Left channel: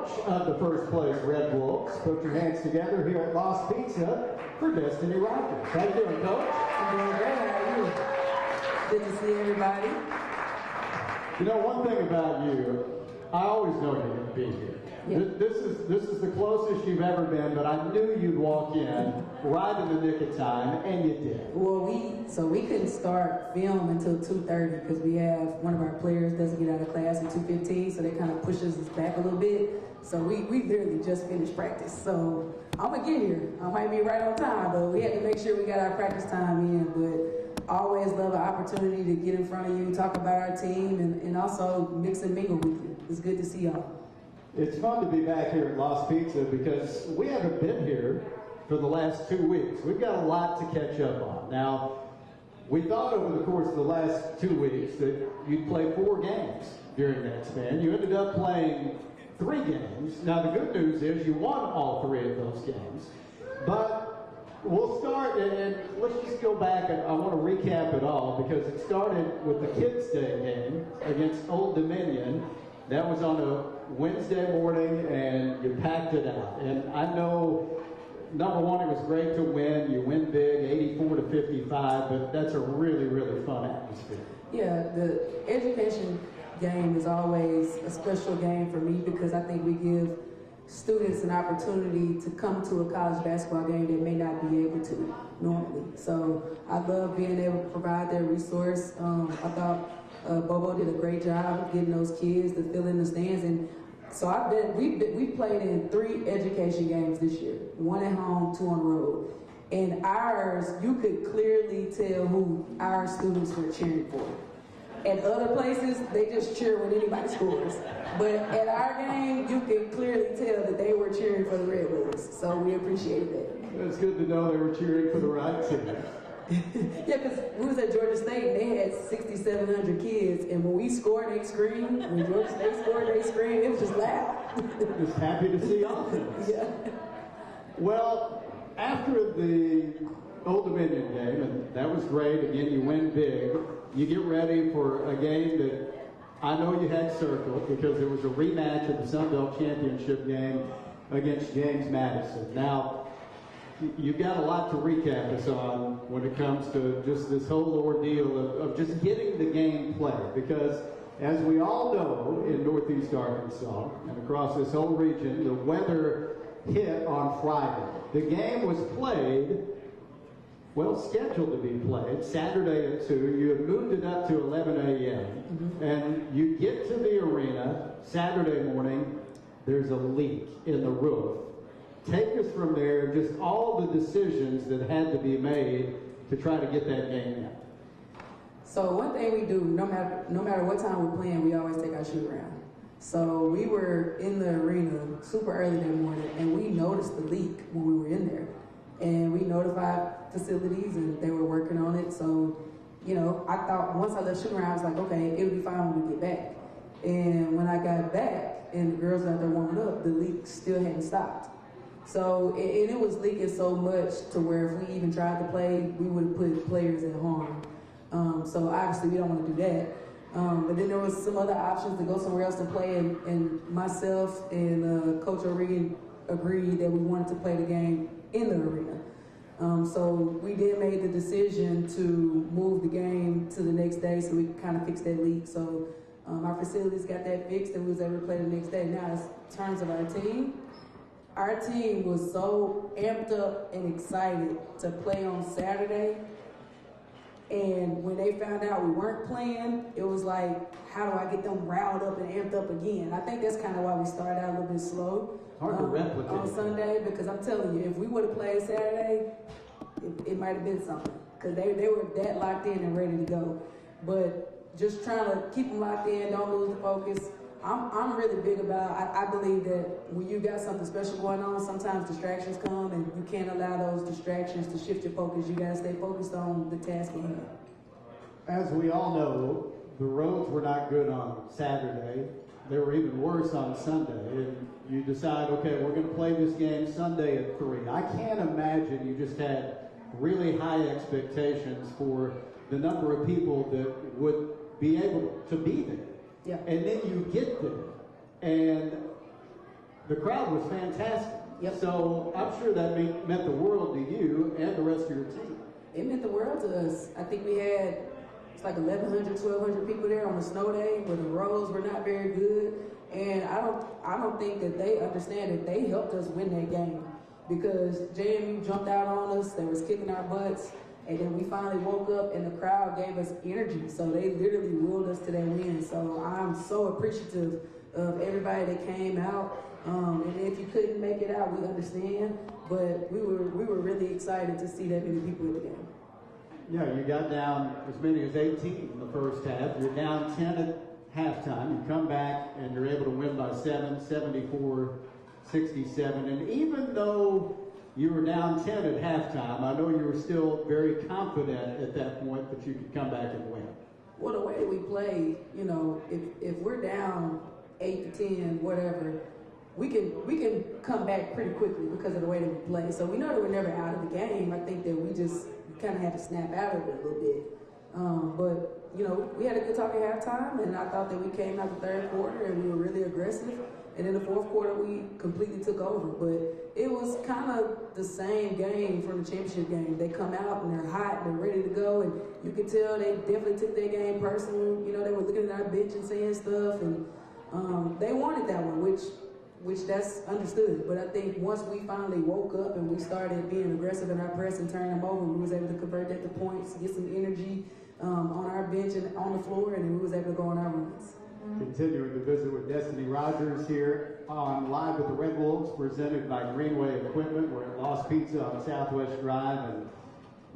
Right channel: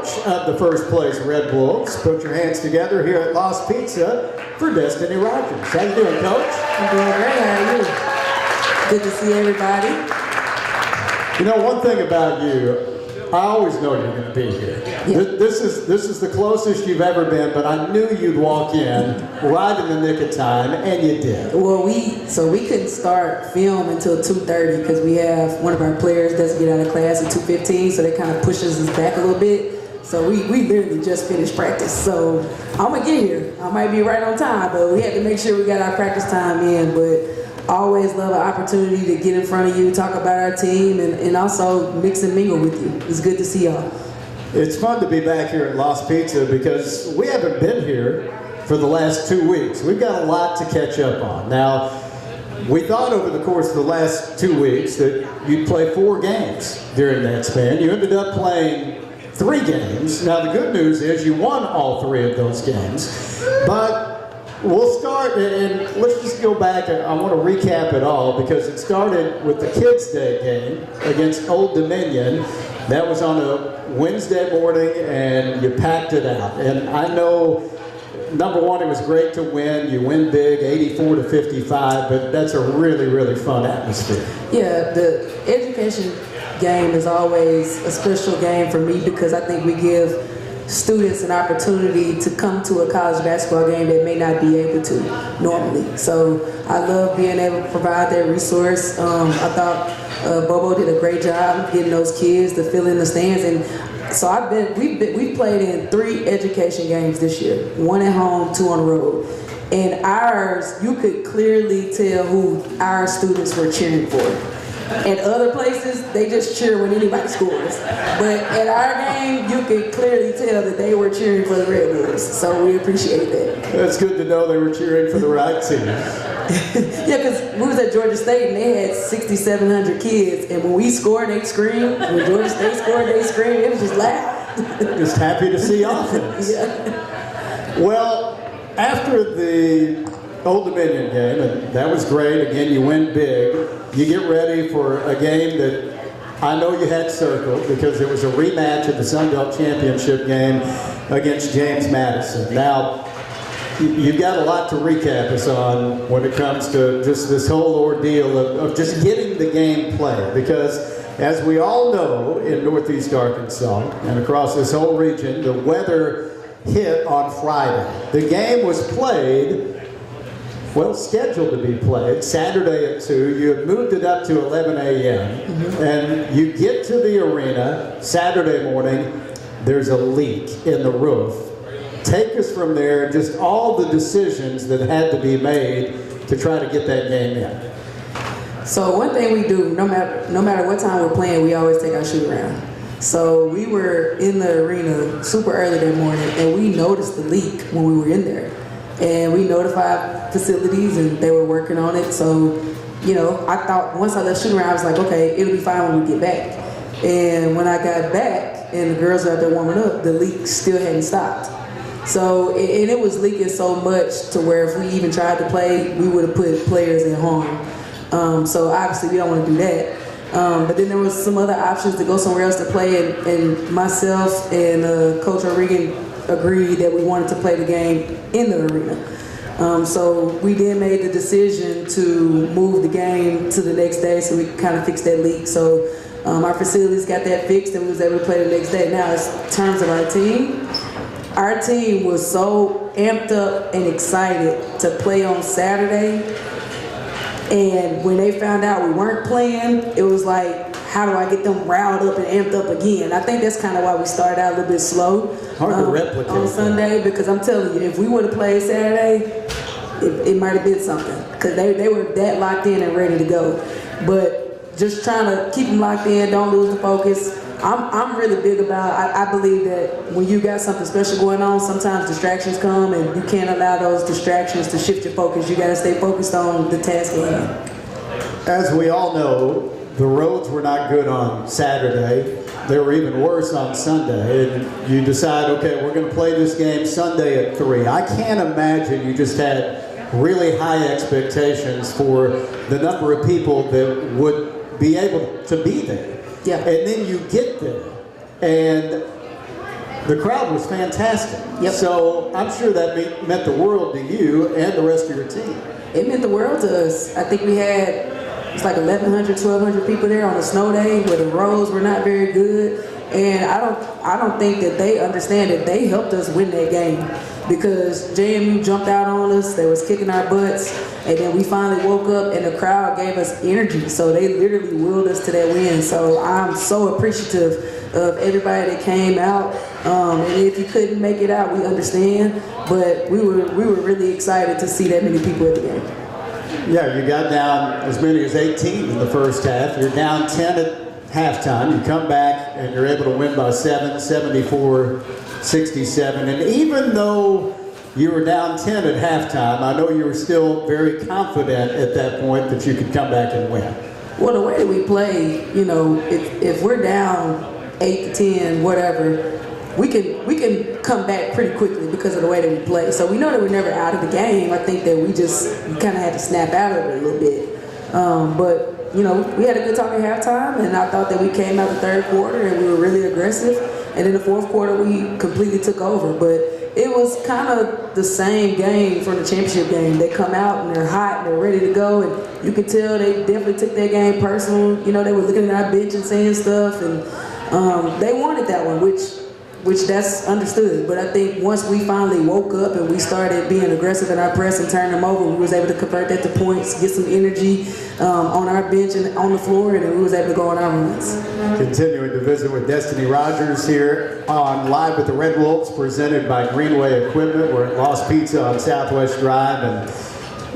coach of the first place Red Wolves. Put your hands together here at Lost Pizza for Destinee Rogers. How you doing, Coach? I'm doing great. How are you? Good to see everybody. You know, one thing about you, I always know you're going to be here. Yeah. This is the closest you've ever been, but I knew you'd walk in right in the nick of time, and you did. Well, we couldn't start film until 2:30 because we have one of our players doesn't get out of class at 2:15, so that kind of pushes us back a little bit. So we literally just finished practice. So I'm gonna get here. I might be right on time, but we had to make sure we got our practice time in. But I always love an opportunity to get in front of you, talk about our team, and also mix and mingle with you. It's good to see y'all. It's fun to be back here at Lost Pizza because we haven't been here for the last 2 weeks. We've got a lot to catch up on. Now, we thought over the course of the last 2 weeks that you'd play 4 games during that span. You ended up playing 3 games. Now, the good news is you won all 3 of those games. But we'll start, and let's just go back, and I want to recap it all because it started with the Kids' Day game against Old Dominion. That was on a Wednesday morning, and you packed it out. And I know, number one, it was great to win. You win big, 84-55, but that's a really, really fun atmosphere. Yeah, the education game is always a special game for me because I think we give students an opportunity to come to a college basketball game that may not be able to normally. So I love being able to provide that resource. I thought Bobo did a great job getting those kids to fill in the stands, and so we've played in 3 education games this year, 1 at home, 2 on the road. And ours, you could clearly tell who our students were cheering for. At other places, they just cheer when anybody scores. But at our game, you could clearly tell that they were cheering for the Red Wolves. So we appreciate that. That's good to know they were cheering for the right team. Yeah, because we was at Georgia State and they had 6,700 kids, and when we scored, they screamed. When Georgia State scored, they screamed. It was just loud. Just happy to see offense. Yeah. Well, after the Old Dominion game, and that was great. Again, you win big. You get ready for a game that I know you had circled because it was a rematch of the Sun Belt Championship game against James Madison. Now, you've got a lot to recap us on when it comes to just this whole ordeal of just getting the game played, because as we all know in Northeast Arkansas and across this whole region, the weather hit on Friday. The game was played, well, scheduled to be played Saturday at 2. You had moved it up to 11 a.m. And you get to the arena Saturday morning, there's a leak in the roof. Take us from there, just all the decisions that had to be made to try to get that game in. So one thing we do, no matter what time we're playing, we always take our shoot around. So we were in the arena super early that morning, and we noticed the leak when we were in there. And we notified facilities, and they were working on it. So, you know, I thought once I left shooting around, I was like, okay, it'll be fine when we get back. And when I got back, and the girls were out there warming up, the leak still hadn't stopped. So, and it was leaking so much to where if we even tried to play, we would have put players in harm. So obviously we don't want to do that. But then there was some other options to go somewhere else to play, and myself and Coach O'Regan agreed that we wanted to play the game in the arena. So we then made the decision to move the game to the next day so we could kind of fix that leak. So our facilities got that fixed and we was able to play the next day. Now, in terms of our team was so amped up and excited to play on Saturday. And when they found out we weren't playing, it was like, how do I get them riled up and amped up again? I think that's kind of why we started out a little bit slow Hard to replicate on Sunday, because I'm telling you, if we would have played Saturday, it might have been something, because they were that locked in and ready to go. But just trying to keep them locked in, don't lose the focus. I'm really big about, I believe that when you got something special going on, sometimes distractions come, and you can't allow those distractions to shift your focus. You got to stay focused on the task at hand. As we all know, the roads were not good on Saturday. They were even worse on Sunday. And you decide, okay, we're going to play this game Sunday at 3. I can't imagine you just had really high expectations for the number of people that would be able to be there. Yeah. And then you get there, and the crowd was fantastic. Yep. So I'm sure that meant the world to you and the rest of your team. It meant the world to us. I think we had, it's like 1,100, 1,200 people there on a snow day where the roads were not very good. And I don't think that they understand that they helped us win that game, because JMU jumped out on us, they was kicking our butts, and then we finally woke up and the crowd gave us energy. So they literally willed us to that win. So I'm so appreciative of everybody that came out. And if you couldn't make it out, we understand. But we were really excited to see that many people at the game. Yeah, you got down as many as 18 in the first half. You're down 10 at halftime. You come back and you're able to win by 7, 74-67. And even though you were down 10 at halftime, I know you were still very confident at that point that you could come back and win. Well, the way that we play, you know, if we're down 8 to 10, whatever, we can come back pretty quickly because of the way that we play. So we know that we're never out of the game. I think that we kind of had to snap out of it a little bit. But you know, we had a good talk at halftime, and I thought that we came out the third quarter and we were really aggressive. And in the fourth quarter, we completely took over. But it was kind of the same game from the championship game. They come out and they're hot and they're ready to go, and you could tell they definitely took their game personal. You know, they were looking at our bench and saying stuff, and they wanted that one, which that's understood. But I think once we finally woke up and we started being aggressive in our press and turn them over, we was able to convert that to points, get some energy on our bench and on the floor, and then we was able to go on our runs. Continuing to visit with Destinee Rogers here on Live with the Red Wolves, presented by Greenway Equipment. We're at Lost Pizza on Southwest Drive, and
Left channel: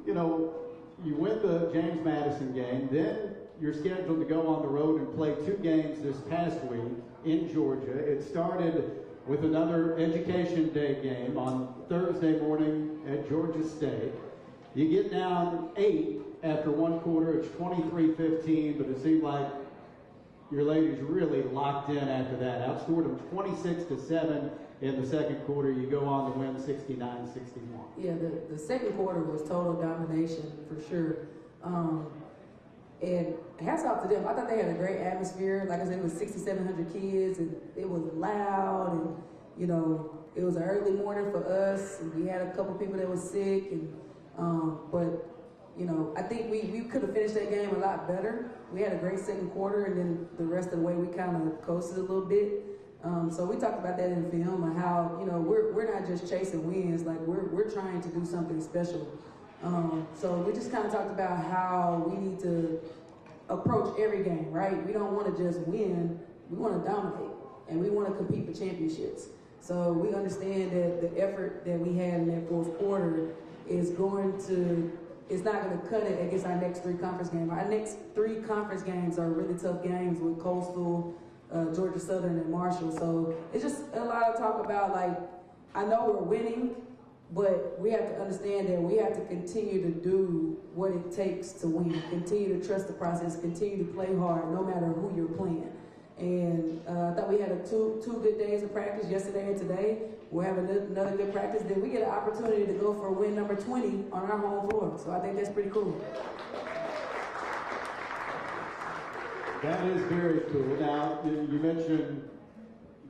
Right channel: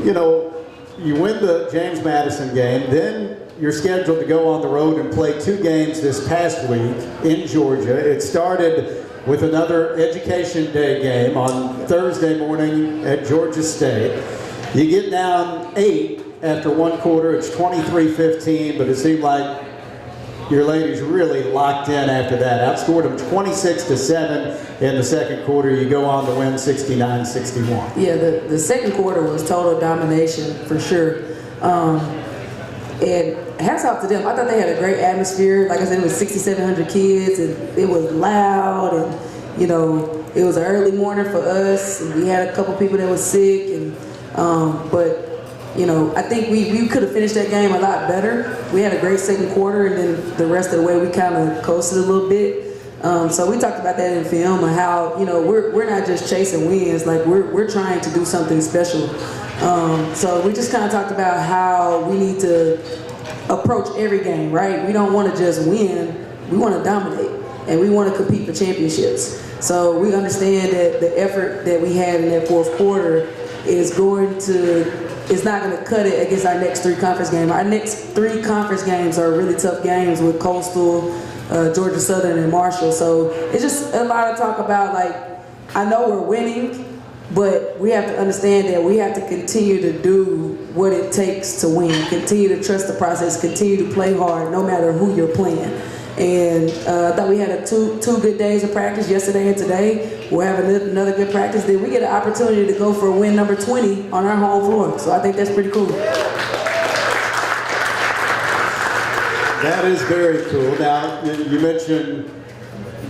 you know, you win the James Madison game, then you're scheduled to go on the road and play 2 games this past week in Georgia. It started with another Education Day game on Thursday morning at Georgia State. You get down 8 after 1 quarter. It's 23-15, but it seemed like your ladies really locked in after that. Outscored them 26-7 in the second quarter. You go on to win 69-61. Yeah, the second quarter was total domination for sure. And hats off to them. I thought they had a great atmosphere. Like I said, it was 6,700 kids, and it was loud, and you know, it was an early morning for us, and we had a couple people that was sick, and but you know, I think we could have finished that game a lot better. We had a great second quarter, and then the rest of the way we kind of coasted a little bit. So we talked about that in film, and how, you know, we're not just chasing wins, like we're trying to do something special. So we just kind of talked about how we need to approach every game, right? We don't want to just win, we want to dominate, and we want to compete for championships. So we understand that the effort that we had in that fourth quarter is not going to cut it against our next 3 conference games. Our next 3 conference games are really tough games with Coastal, Georgia Southern, and Marshall. So it's just a lot of talk about, like, I know we're winning, but we have to understand that we have to continue to do what it takes to win. Continue to trust the process. Continue to play hard, no matter who you're playing. And I thought we had two good days of practice, yesterday and today. We'll have another good practice. Then we get an opportunity to go for win number 20 on our home floor. So I think that's pretty cool. That is very cool. Now, you mentioned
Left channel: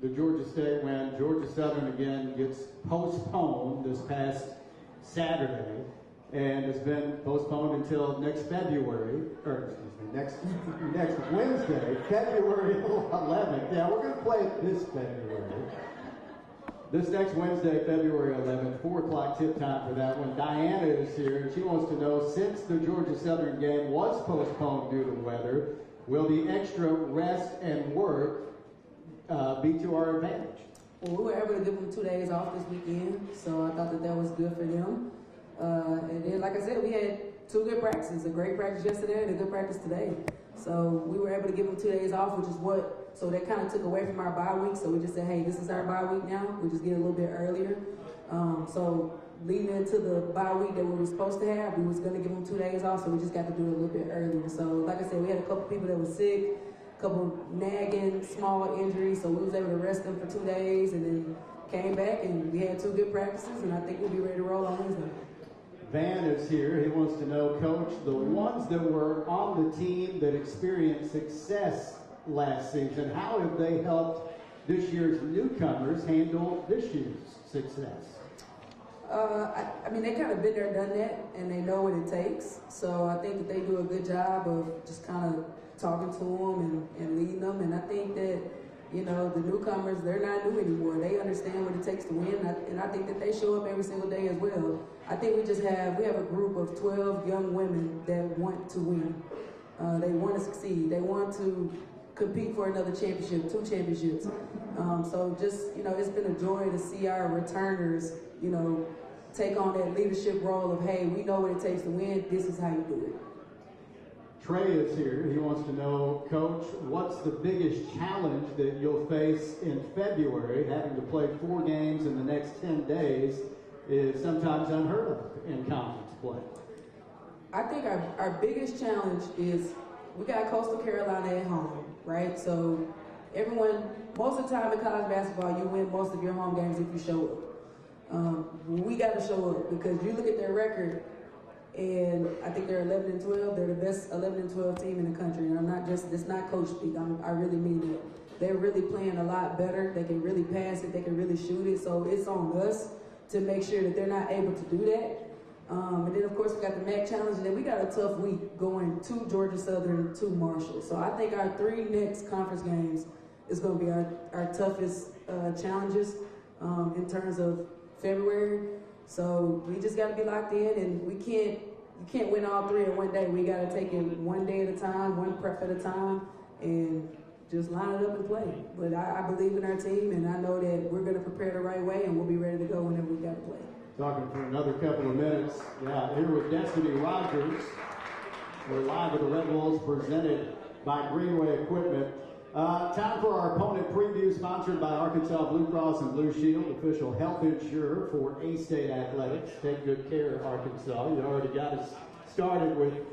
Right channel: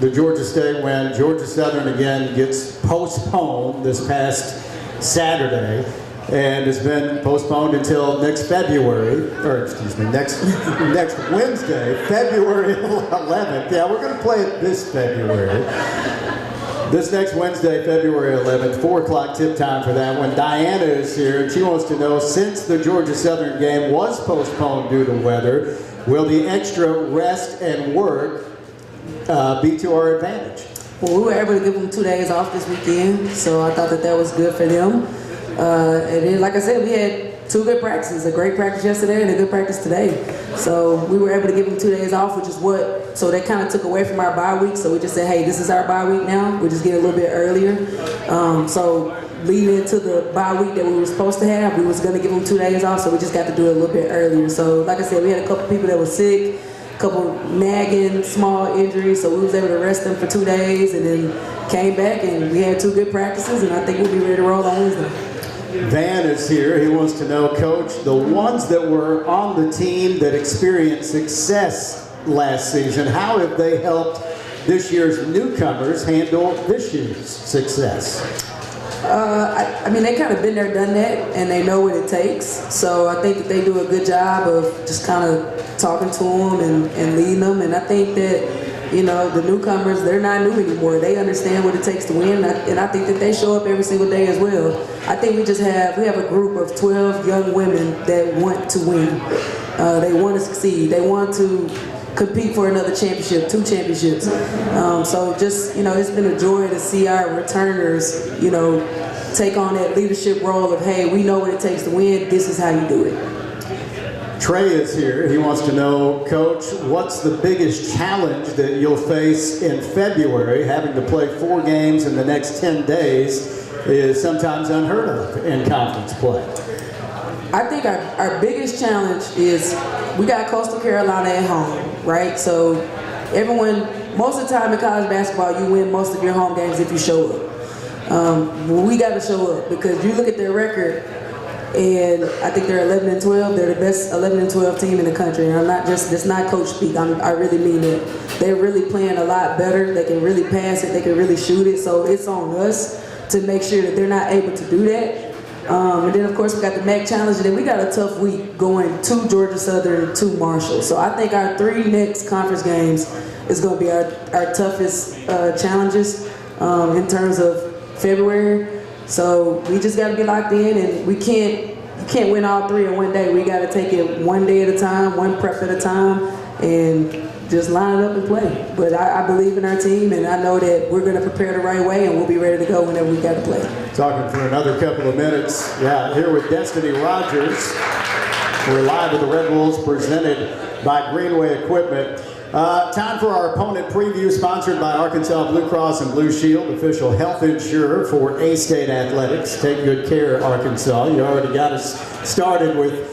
the Georgia State win. Georgia Southern again gets postponed this past Saturday, and it's been postponed until next February, or excuse me, next Wednesday, February 11th. Yeah, we're going to play it this February. This next Wednesday, February 11th, 4 o'clock tip time for that one. Diana is here, and she wants to know, since the Georgia Southern game was postponed due to weather, will the extra rest and work be to our advantage? Well, we were able to give them 2 days off this weekend, so I thought that was good for them. And then, like I said, we had 2 good practices, a great practice yesterday and a good practice today. So we were able to give them 2 days off, which is so they kind of took away from our bye week. So we just said, hey, this is our bye week now. We're just getting a little bit earlier. So leading into the bye week that we were supposed to have, we was going to give them 2 days off, so we just got to do it a little bit earlier. So like I said, we had a couple people that were sick, a couple nagging small injuries, so we was able to rest them for 2 days, and then came back, and we had 2 good practices, and I think we'll be ready to roll on Wednesday. Van is here. He wants to know, Coach, the ones that were on the team that experienced success last season, how have they helped this year's newcomers handle this year's success? I mean, they kind of been there, done that, and they know what it takes. So I think that they do a good job of just kind of talking to them and leading them. And I think that, you know, the newcomers, they're not new anymore. They understand what it takes to win, and I think that they show up every single day as well. I think we have a group of 12 young women that want to win. They want to succeed. They want to compete for another championship, 2 championships. So just, you know, it's been a joy to see our returners, you know, take on that leadership role of, hey, we know what it takes to win. This is how you do it. Trey is here. He wants to know, Coach, what's the biggest challenge that you'll face in February? Having to play 4 games in the next 10 days is sometimes unheard of in conference play. I think our biggest challenge is we got Coastal Carolina at home, right? So most of the time in college basketball, you win most of your home games if you show up. We got to show up because you look at their record, and I think they're 11-12. They're the best 11-12 team in the country. And it's not coach speak. I really mean it. They're really playing a lot better. They can really pass it. They can really shoot it. So it's on us to make sure that they're not able to do that. And then, of course, we got the MAC Challenge, and then we got a tough week going to Georgia Southern, to Marshall. So I think our 3 next conference games is going to be our toughest challenges in terms of February. So we just got to be locked in, and you can't win all 3 in one day. We got to take it one day at a time, one prep at a time, and just line it up and play. But I believe in our team, and I know that we're going to prepare the right way, and we'll be ready to go whenever we got to play. Talking for another couple of minutes. Yeah, here with Destinee Rogers. We're live with the Red Wolves, presented by Greenway Equipment. Time for our opponent preview, sponsored by Arkansas Blue Cross and Blue Shield, official health insurer for A-State Athletics. Take good care, Arkansas. You already got us started with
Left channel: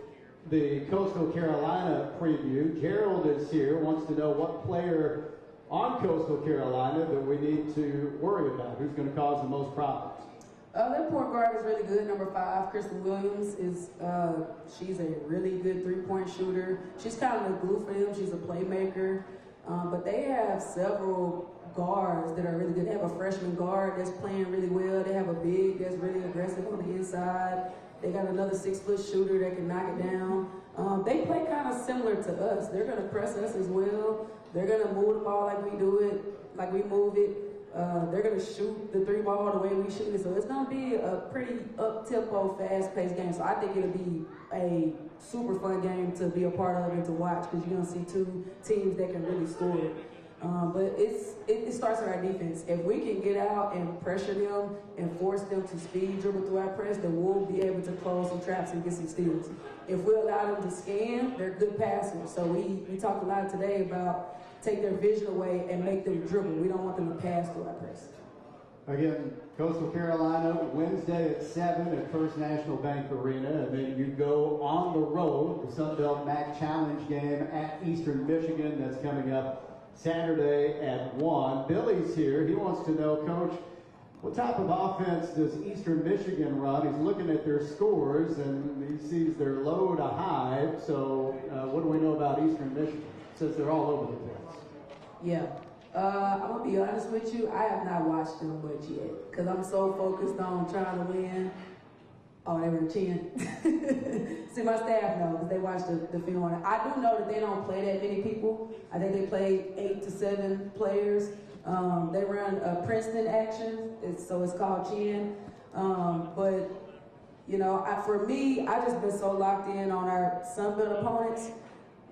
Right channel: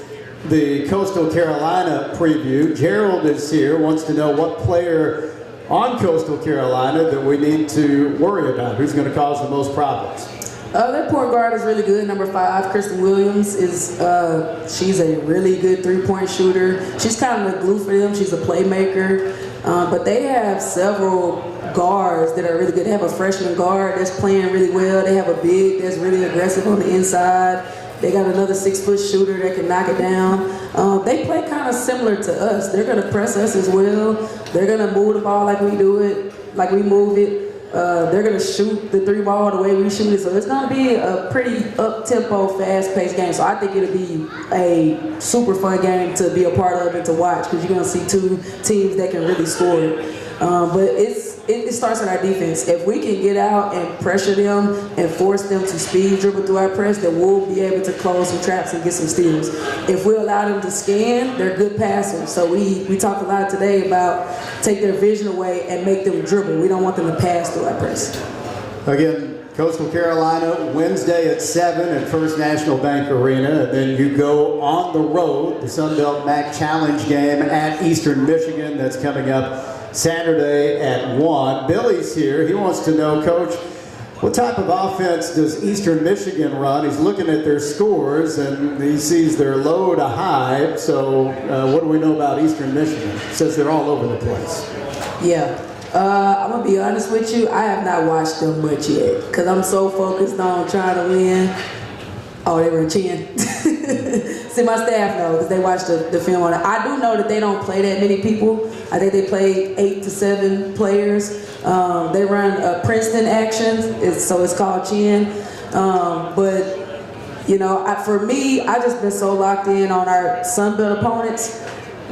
the Coastal Carolina preview. Gerald is here, wants to know what player on Coastal Carolina that we need to worry about. Who's going to cause the most problems? Their point guard is really good. Number 5, Kristen Williams, she's a really good 3-point shooter. She's kind of the glue for them. She's a playmaker. But they have several guards that are really good. They have a freshman guard that's playing really well. They have a big that's really aggressive on the inside. They got another 6-foot shooter that can knock it down. They play kind of similar to us. They're going to press us as well. They're going to move the ball like we do it, like we move it. They're going to shoot the 3 ball the way we shoot it. So it's going to be a pretty up-tempo, fast-paced game. So I think it'll be a super fun game to be a part of and to watch, because you're going to see 2 teams that can really score. But it starts with our defense. If we can get out and pressure them and force them to speed dribble through our press, then we'll be able to close some traps and get some steals. If we allow them to scan, they're good passers. So we talked a lot today about take their vision away and make them dribble. We don't want them to pass through our press. Again, Coastal Carolina, Wednesday at 7 at First National Bank Arena. And then you go on the road, the Sun Belt MAC Challenge game at Eastern Michigan. That's coming up Saturday at 1. Billy's here. He wants to know, Coach, what type of offense does Eastern Michigan run? He's looking at their scores, and he sees they're low to high. So what do we know about Eastern Michigan? He says they're all over the place. Yeah. I'm going to be honest with you. I have not watched them much yet because I'm so focused on trying to win. Oh, they were chin. See, my staff knows because they watch the film on it. I do know that they don't play that many people. I think they play 8 to 7 players. They run Princeton actions, so it's called chin. But, you know, for me, I just been so locked in on our Sun Belt opponents.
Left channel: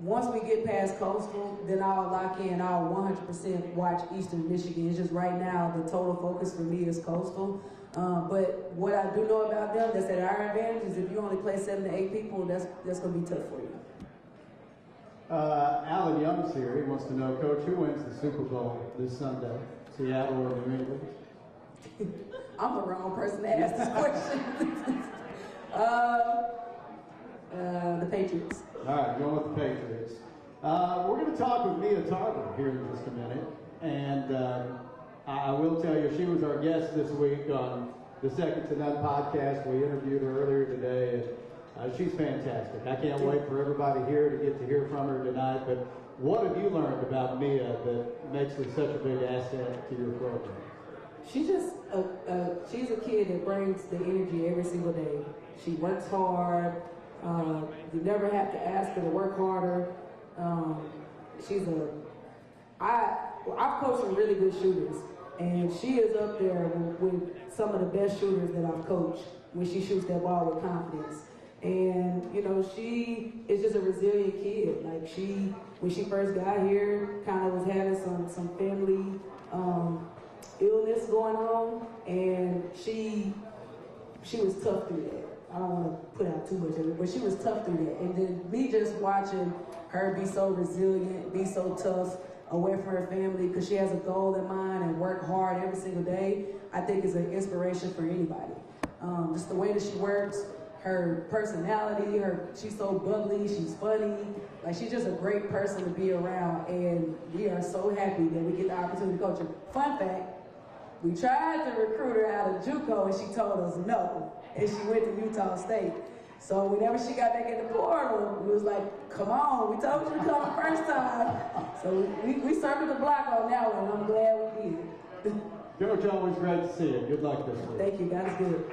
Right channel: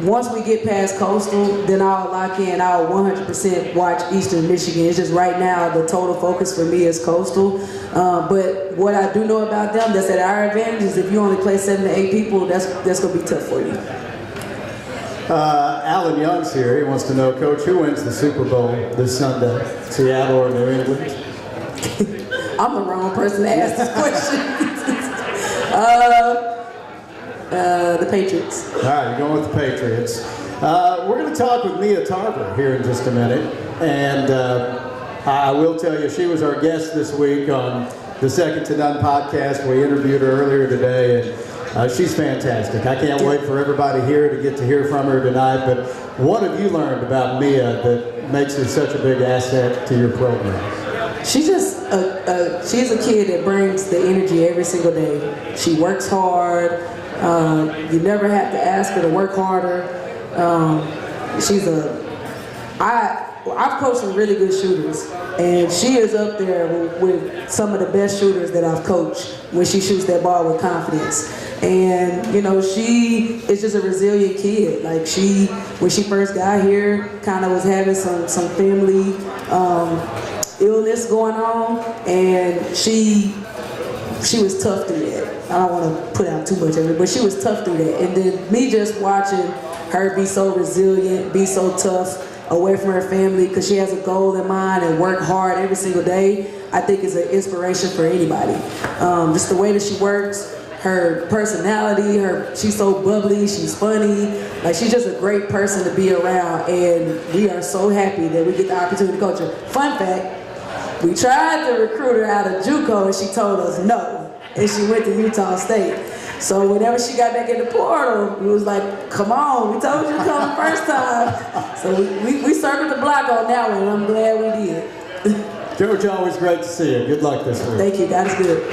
Once we get past Coastal, then I'll lock in. I'll 100% watch Eastern Michigan. It's just right now the total focus for me is Coastal. But what I do know about them that's at our advantage is if you only play 7 to 8 people, that's going to be tough for you. Alan Young's here. He wants to know, Coach, who wins the Super Bowl this Sunday? Seattle or New England? I'm the wrong person to ask this question. The Patriots. All right, you're going with the Patriots. We're going to talk with Mia Tarver here in just a minute. And I will tell you, she was our guest this week on the Second to None podcast. We interviewed her earlier today, and she's fantastic. I can't wait for everybody here to get to hear from her tonight. But what have you learned about Mia that makes her such a big asset to your program? She's just she's a kid that brings the energy every single day. She works hard. You never have to ask her to work harder. I've coached some really good shooters, and she is up there with some of the best shooters that I've coached when she shoots that ball with confidence. And you know, she is just a resilient kid. Like when she first got here, kind of was having some family illness going on, and she was tough through that. I don't want to put out too much of it, but she was tough through that. And then me just watching her be so resilient, be so tough away from her family because she has a goal in mind and work hard every single day, I think is an inspiration for anybody. Just the way that she works, her personality, she's so bubbly, she's funny. Like, she's just a great person to be around, and we are so happy that we get the opportunity to coach her. Fun fact, we tried to recruit her out of JUCO and she told us no, and she went to Utah State. So whenever she got back in the portal, we was like, come on, we told you to come the first time. So we circled the block on that one, and I'm glad we did. Coach, always great to see you. Good luck this week. Thank you, God is good.